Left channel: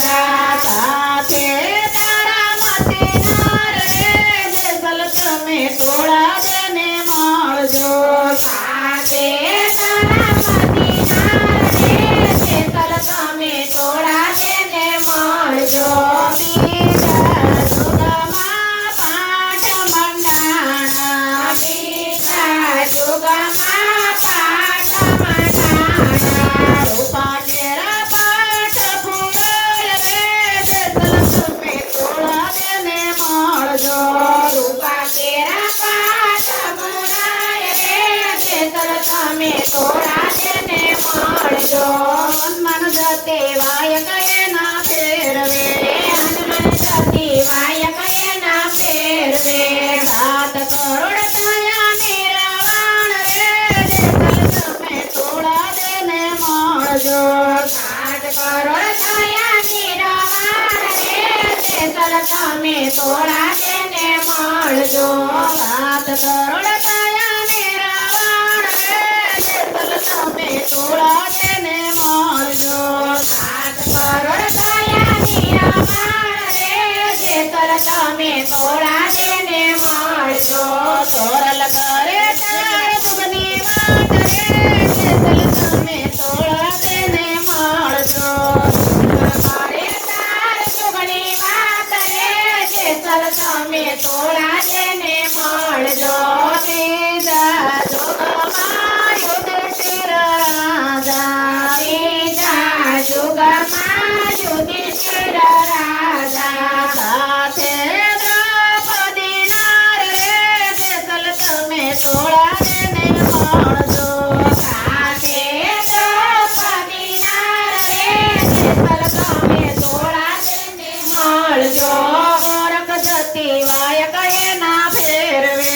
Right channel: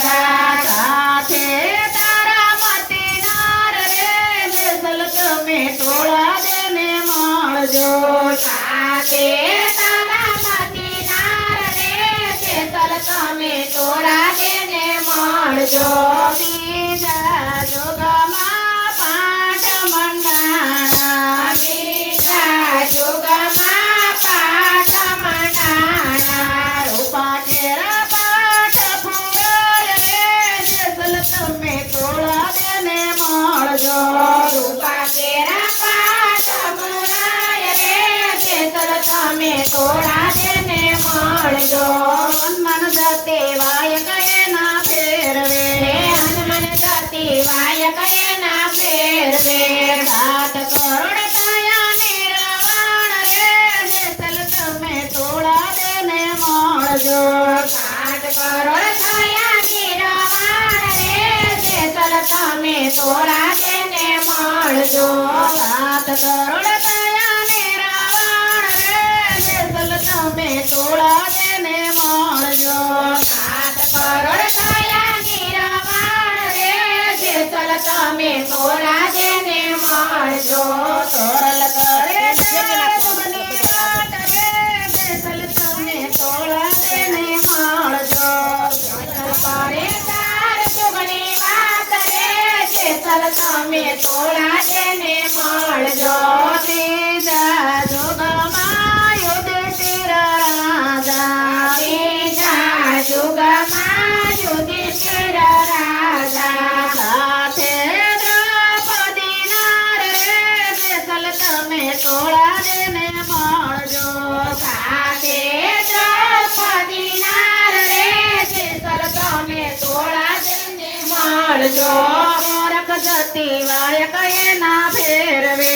રાજા સાથે તારા મતીનાર રે જેસલ તમે તોળા દેને મળજો સાથે તારા મતીનાર રે જેસલ તમે તોળા દેને મળજો બીજા જુગમાં પાઠ મંડાણા બીજા જુગમાં પાઠ મંડાણા રૂપા કેરા પાઠ ફૂરાય રે જેસલ તમે તોળા દેને મળજો રૂપા કેરા પાઠ ફૂરાય રે જેસલ તમે તોળા દેને મળજો મન જતે વાય કરે ના ફેરવે મન જતે વાય કરે ના ફેરવે 7 કરોડ થયા નિરાવાણ રે જેસલ તમે તોળા દેને મળજો 7 કરોડ થયા નિરાવાણ રે જેસલ તમે તોળા દેને મળજો 7 કરોડ થયા નિરાવાણ રે જેસલ તમે તોળા દેને મળજો 7 કરોડ થયા નિરાવાણ રે જેસલ તમે તોળા દેને મળજો તોરલ કરે ચાર સુખની વાત રે જેસલ તમે તોળા દેને મળજો કરે ચાર સુખની વાત રે જેસલ તમે તોળા દેને મળજો ત્રીજા જોગમાં યુધિષ્ઠિર રાજા ત્રીજા જોગમાં યુધિષ્ઠિર રાજા સાથે દ્રૌપદી નાર રે જેસલ તમે તોળા દેને મળજો સાથે દ્રૌપદી નાર રે જેસલ તમે તોળા દેને મળજો ગોરખ જતી વાય કયે ના ફેરવે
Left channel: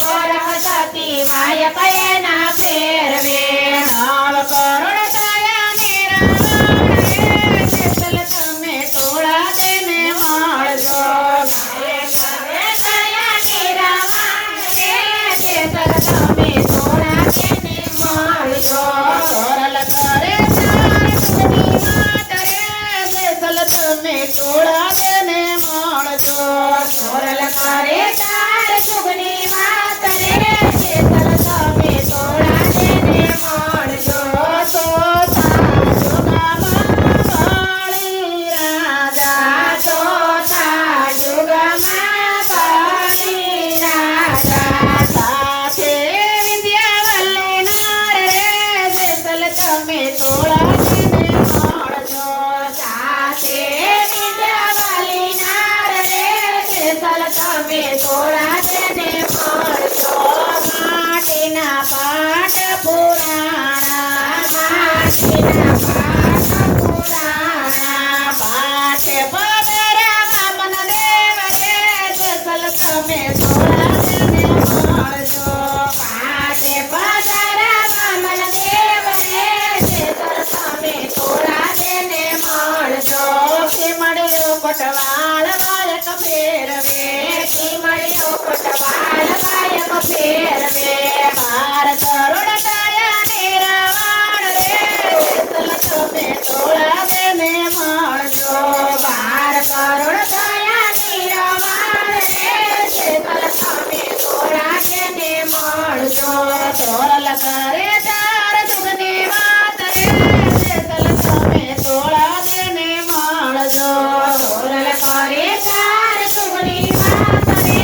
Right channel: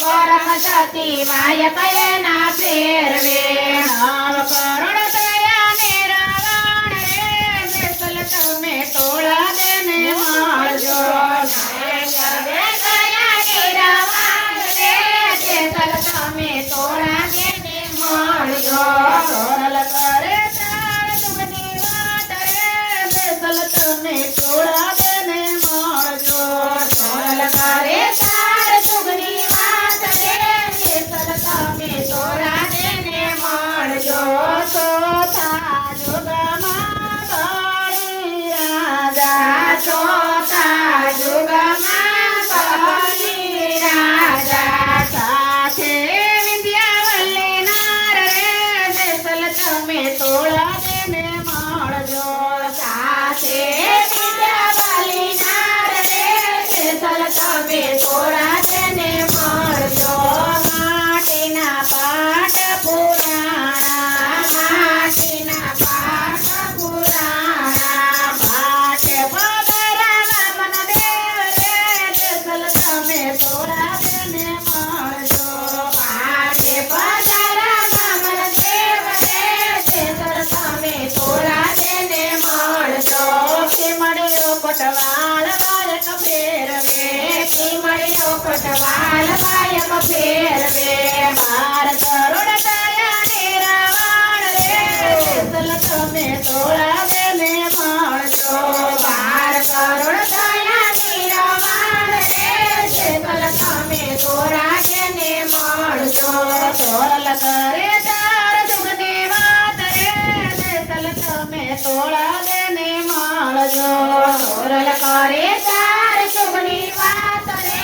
ગોરખ જતી વાય કયે ના ફેરવે 9 કરોડ થયા નિરાવાણ રે જેસલ તમે તોળા દેને મળજો 9 થયા નિરાવાણ રે જેસલ તમે તોળા દેને મળજો તોરલ કરે ચાર સુખની વાત રે જેસલ તમે તોળા દેને મળજો તોરલ કરે ચાર સુખની વાત રે જેસલ તમે તોળા દેને મળજો ચોથા જુગમાં બળી રાજા ચોથા જુગમાં બળી રાજા સાથે વિંધ્યાવલ્લી નાર રે જેસલ તમે તોળા દેને મળજો સાથે વિંધ્યાવલ્લી નાર રે જેસલ તમે તોળા દેને મળજો માટીના પાઠ પુરાણા માટીના પાઠ પુરાણા પાઠ પધરા વામન દેવ રે જેસલ તમે તોળા દેને મળજો પાઠ પધરા વામન દેવ રે જેસલ તમે તોળા દેને મળજો મળ્યો પટવાળ વાયક ફેરવે મળ્યો પટવાળ વાયક ફેરવે 12 કરોડ થયા નિરાવાણ રે જેસલ તમે તોળા દેને મળજો 12 કરોડ થયા નિરાવાણ રે જેસલ તમે તોળા દેને મળજો તોરલ કરે ચાર જુગની વાત રે જેસલ તમે તોળા દેને મળજો તોરલ કરે ચાર જુગની વાત રે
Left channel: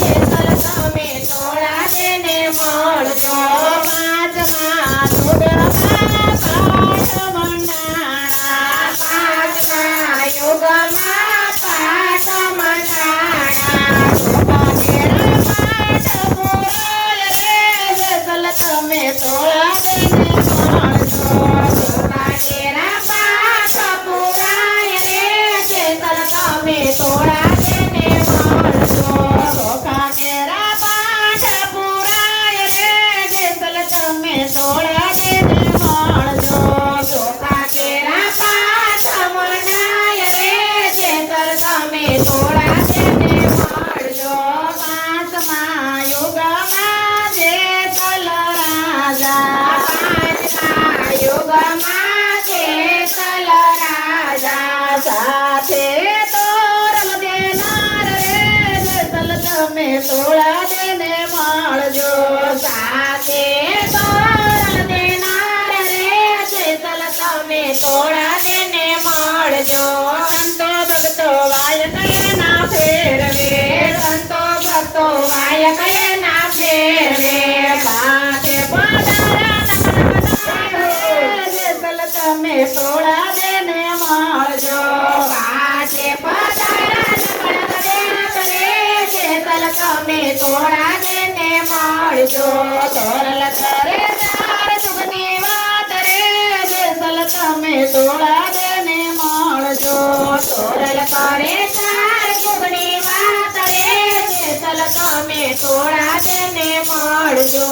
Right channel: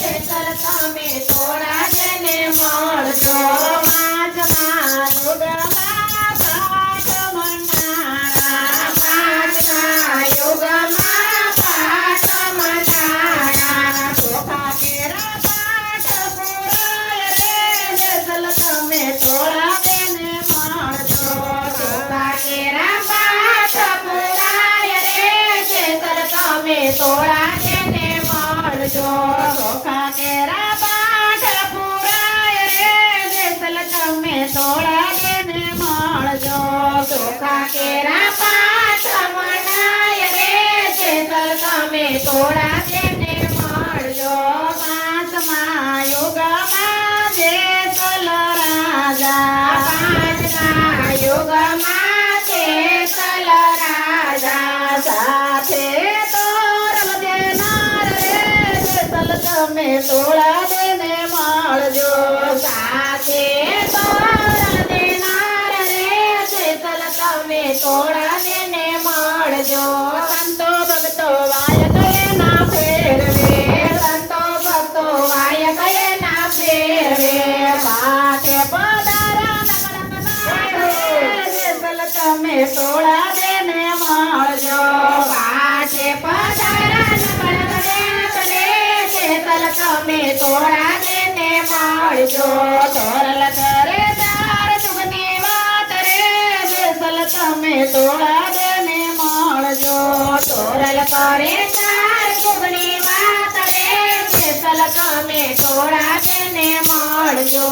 જેસલ તમે તોળા દેને મળજો 5મા જુગમાં પાઠ મંડાણા 5મા યુગમાં પાઠ મંડાણા રૂપા કેરા પાઠ પુરાય રે જેસલ તમે તોળા દેને મળજો રૂપા કેરા પાઠ પુરાય રે જેસલ તમે તોળા દેને મળજો ચોખા કેરા પાઠ પુરાય રે જેસલ તમે તોળા દેને મળજો ચોખા કેરા પાઠ મંડાય રે જેસલ તમે તોળા દેને મળજો 5મા યુગમાં જેસલ રાજા 5મા યુગમાં જેસલ રાજા તમે તોળા દેને માળજો સાથે તોરણ દેનાર રે જેસલ તમે તોળા દેને માળજો સંતો ભક્તો વાય કયે ના ફેરવે સંતો ભક્તો વાય કયે ના ફેરવે પાઠે પધારા જેસલ તમે તોળા દેને માળજો પાઠે પધારા તમે તોળા દેને માળજો તોરલ કરે તાર સુખની વાત રે જેસલ તમે તોળા દેને માળજો તોરલ કરે તાર સુખની વાત રે જેસલ તમે તોળા દેને માળજો